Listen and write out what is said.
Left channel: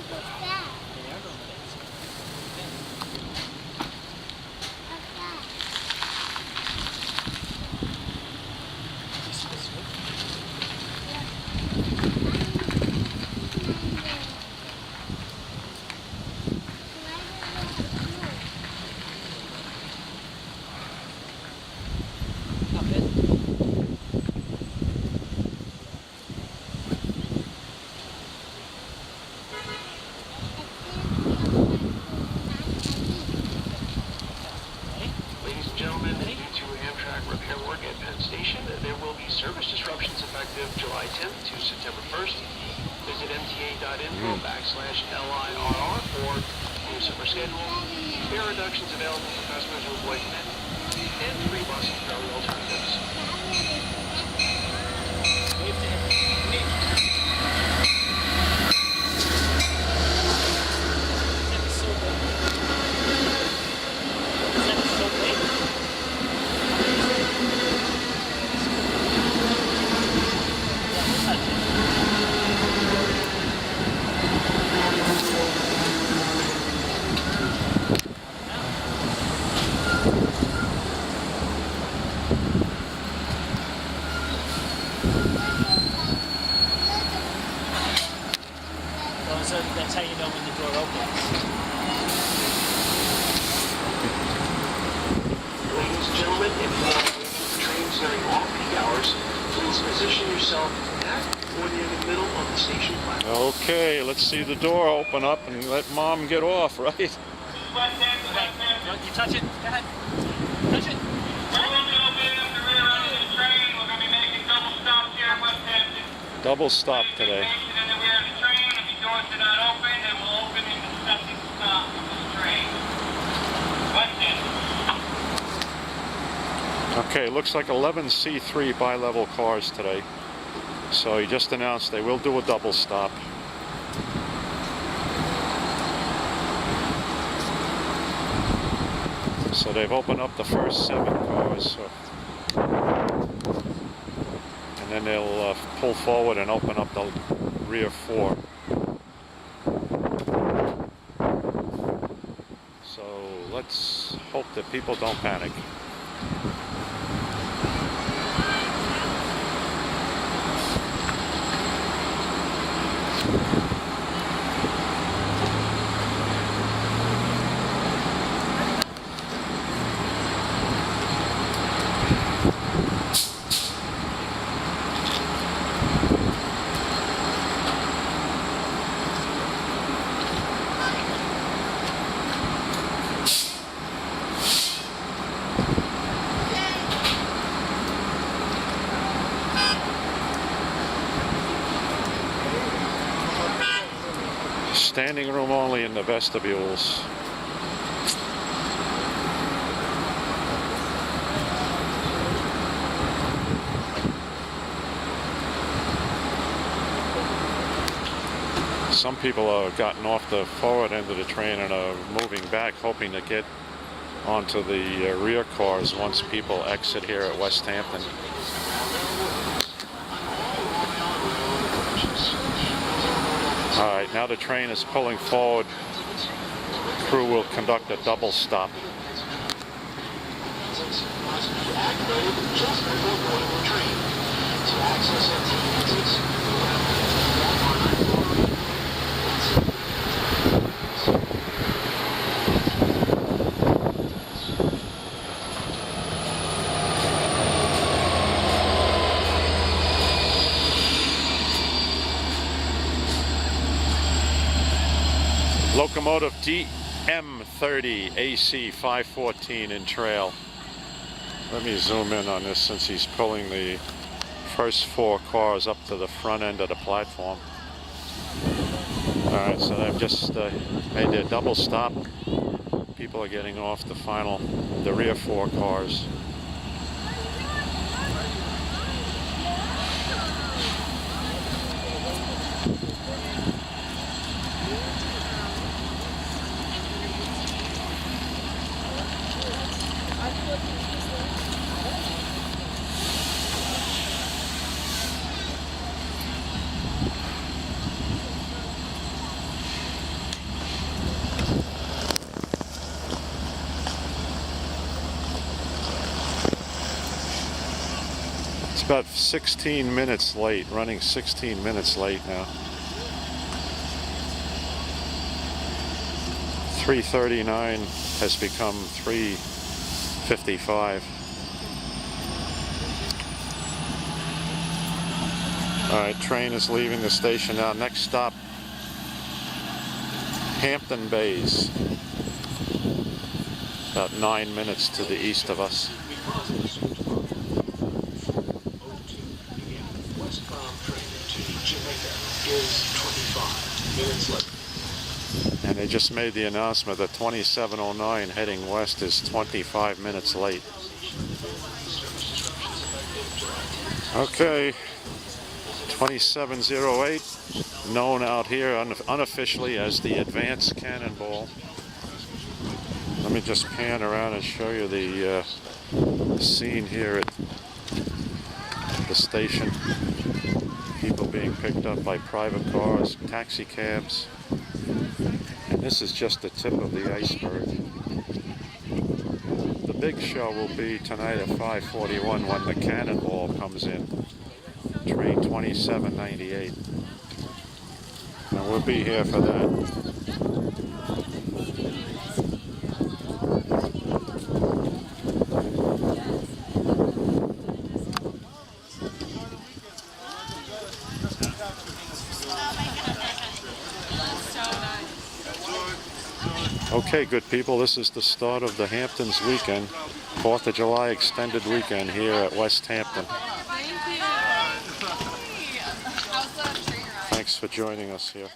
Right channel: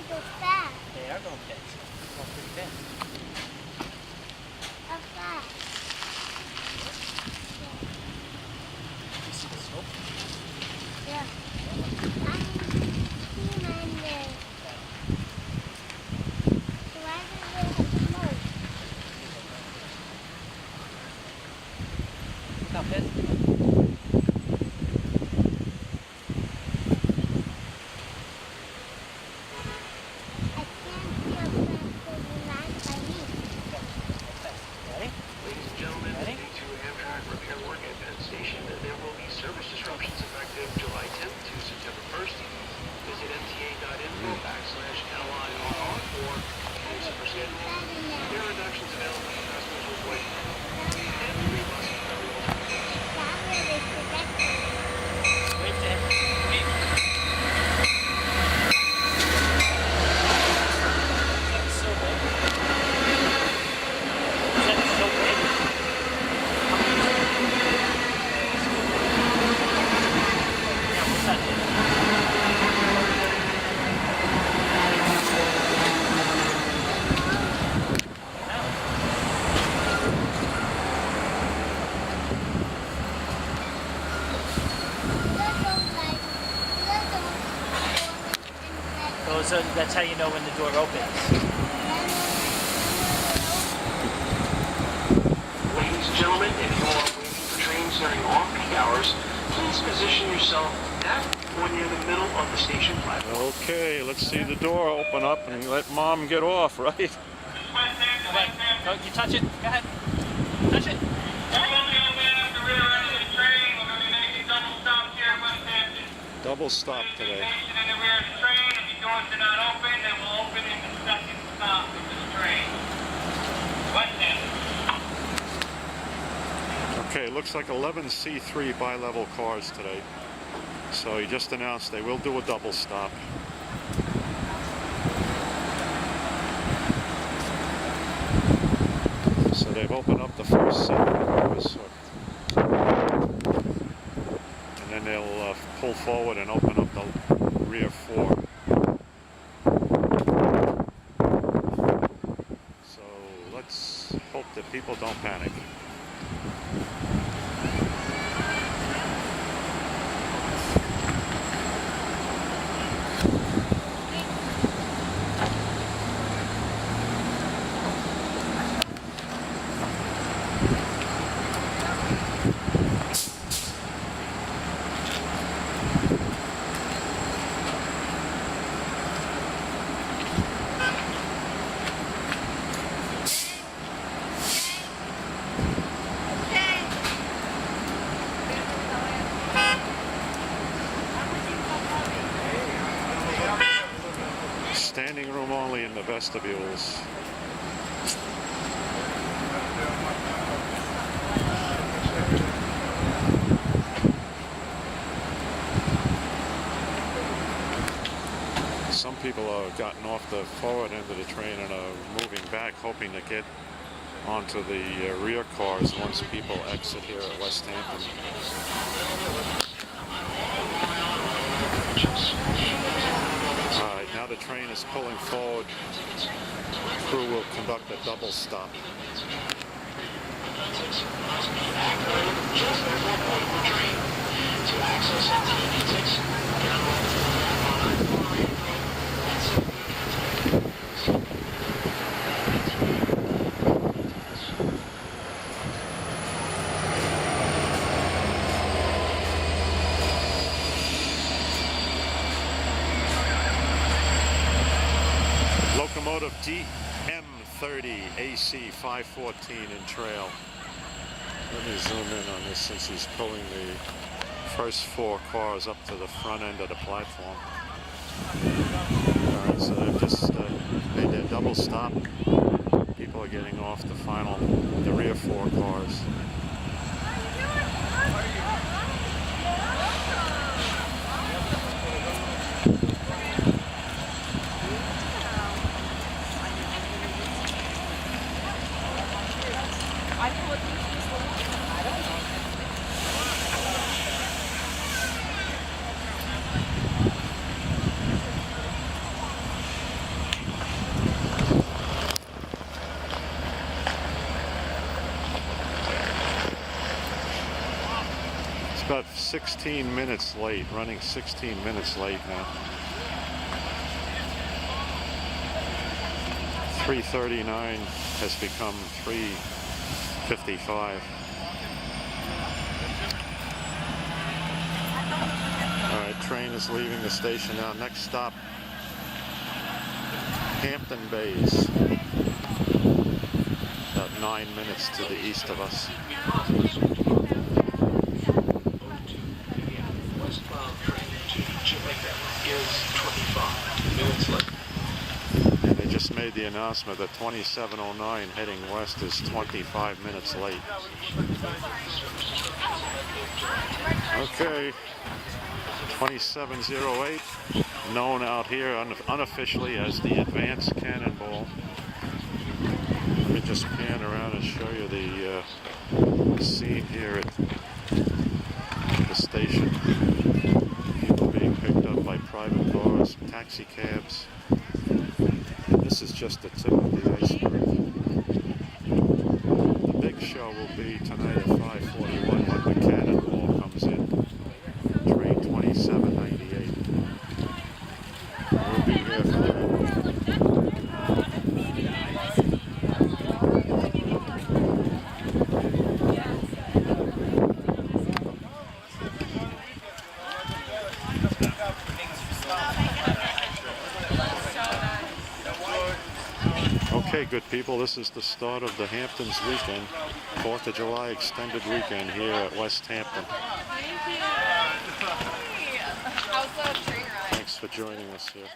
they go fast. They are going fast. They're going pretty fast. How fast? You see the smoke? Yeah. I'm in there. Why does it smoke? Not bad. I can't feel faster than last time. Ready? Ladies and gentlemen, Ready? due to Amtrak repair work at Penn Station, there will be service disruptions effective July 10th to September 1st. Visit mta.info/LIRR for a super schedule. Fare reductions available for customers with white and free bus and ferry alternatives. Wait there. Wait. So good. Is that so big? That's how you know when the door opens. Ladies and gentlemen, if you are waiting for trains during off-peak hours, please position yourself at or near the middle of the station platform. Okay, let's see the door open up and let Mom get off, right? No, you touch it. Go ahead. Touch it. We're going to be at the rear end of the train. We're going to be making double stops here at Westhampton. Double stop today. Station in the rear of the train. If the doors are not open, they will open in the second stop of this train. Westhampton. Okay, looks like 11 C3 bi-level cars today. So he just announced they will do a double stop. So they've opened up the first 7 cars. So, and then they'll pull forward and open up the rear 4. So let's hope that people don't panic. Standing room only in the vestibules. Some people have gotten off the forward end of the train and are moving back, hoping to get onto the rear cars once people exit here at Westhampton. Alright, now the train is pulling forward. Crew will conduct a double stop. Locomotive DM30 AC 514 in trail. Let me zoom in on this since he's pulling the first 4 cars up to the front end of the platform. Alright, so they've just made their double stop. People are getting off the rear 4 cars. about 16 minutes late, running 16 minutes late now. 3:39 has become 3:55. Alright, train is leaving the station now. Next stop, Hampton Bays. About 9 minutes to the east of us. Because of the switch bar. 02 p.m. Westbound train to Jamaica is 25 minutes late. And they just made the announcement that 2709 heading west is 25 minutes late. Okay, 2708, known out here unofficially as the Advanced Cannonball. Let me just pan around and show you the scene here at the station. People being picked up by private cars, taxi cabs. And this is just the tip of the iceberg. The big show will be tonight at 5:41 when the Cannonball comes in. Train 2798. And we'll be here for that. Okay, good people, this is the start of the Hamptons weekend, 4th of July extended weekend here at Westhampton. Thank you. How's the train ride? Thanks for joining us here.